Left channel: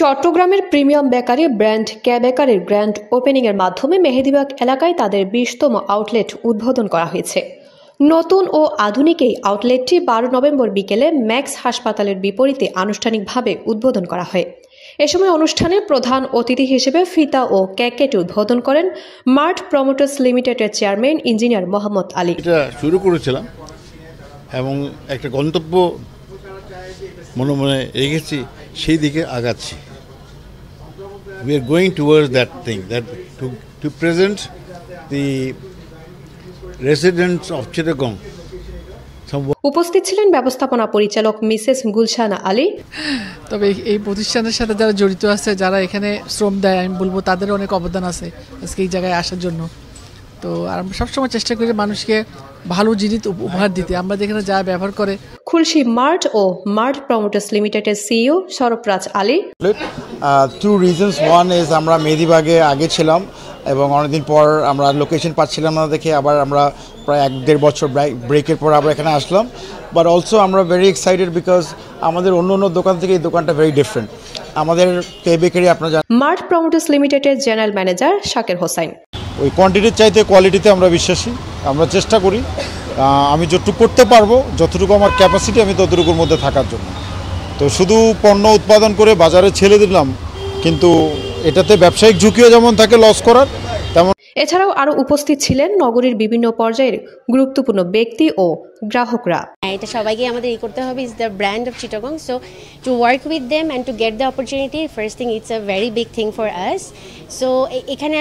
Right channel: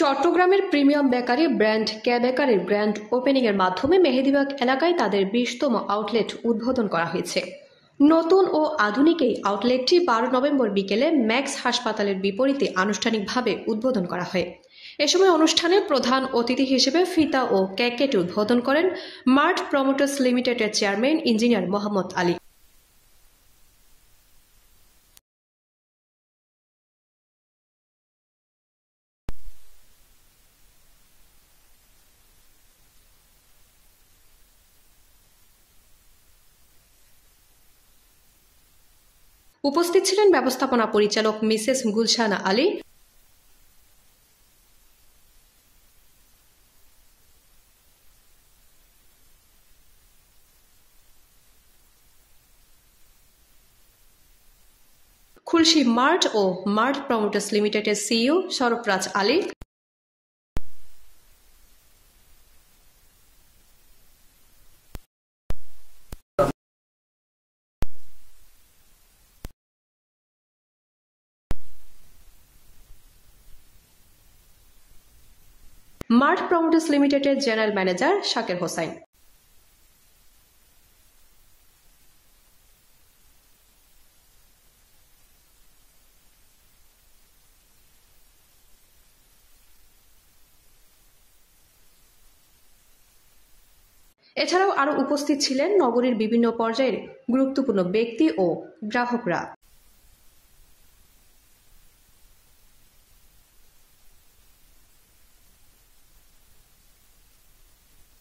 চট্টগ্রামের premium bakery brand কে বেকারির grand ওপেনিংয়ের মাধ্যমে মেহেদীবাগ এলাকায় তাদের 20তম আউটলেট উদ্বোধন করা হয়েছে। নতুন ও আধুনিক এই আউটলেটটি 12 নভেম্বর বিকেলে ম্যাক্স হাসপাতালের বিপরীতে আনুষ্ঠানিকভাবে উদ্বোধন করা হয়। এ সময় অনুষ্ঠানে প্রধান অতিথি হিসেবে ফিতা ও কেকটি উদ্বোধন করেন মার্ট প্রমোটার্স লিমিটেডের চেয়ারম্যান ইঞ্জিনিয়ার মোহাম্মদ আলী। এটা শুরু করেছিলাম এবং একটা গন্তব্য মনে রেখেছি, সেই দিকে আগাচ্ছি। We are going towards that thing, that to present the residents of Chittagong. উপস্থিত ছিলেন ব্যবস্থাপনা পরিচালক মিসেস গুলশানা আলী। তবে এই প্রতিষ্ঠানের সাথে যারা জড়িত আছে, যারা এখানে শ্রম দেয়, আমি বলবো তাদের অনেক অবদান আছে আজকে এই জায়গায় আসার জন্য। তো আর আমরা সবসময় চেষ্টা করি মানুষকে ভালো জিনিস উপহার দিতে। আমরা যেখানে যা ব্যবহার করে খুলশী মার্ট ও মার্ট প্রমোটার্স লিমিটেডের CEO Sarfaraz Ali. Two reasons, one is আমরা মেহেদীবাগে আগে ছিলাম এবং অনেকদিন পর আমরা লোকেশন পাচ্ছিলাম না দেখে আবার আমরা প্রায় 1-1.5 বছর ব্রেকের পর আবার এখানে আসলাম। বাট অলসো আমরা ভেরি এক্সাইটেড বিকজ আমাদের অন্য দোকান থেকে এই দোকানটা ভেরি ডিফারেন্ট। আমাদের কে বেকারি আপনারা জানেন। মার্ট প্রমোটার্স লিমিটেডের জেনারেল ম্যানেজার শাকির হোসেন। ওই কোয়ান্টিটির চাইতে কোয়ালিটিতে আমরা বিশ্বাসী, আমরা চেষ্টা করি আমি যতটুকু করতে পারবো, যতটুকু আমার ক্যাপাসিটি আমি ততটুকুর মধ্যে থাকার জন্য। তো শুধু পণ্য উৎপাদন করে বাজারে ছেড়ে দিলাম, কিন্তু এটাতে ব্যবসায়িক ঝুঁকিও যেমন থাকে লস করার, তেমন। এছাড়াও আরো উপস্থিত ছিলেন নগরীর বিভিন্ন পর্যায়ের গুরুত্বপূর্ণ ব্যক্তি ও গ্রাহকরা। এটা সবাইকে আমাদের করতে হবে, is the brand of Chittagong, so to work with them and to get the opportunity, first thing it's a very big thing for us. So এখানে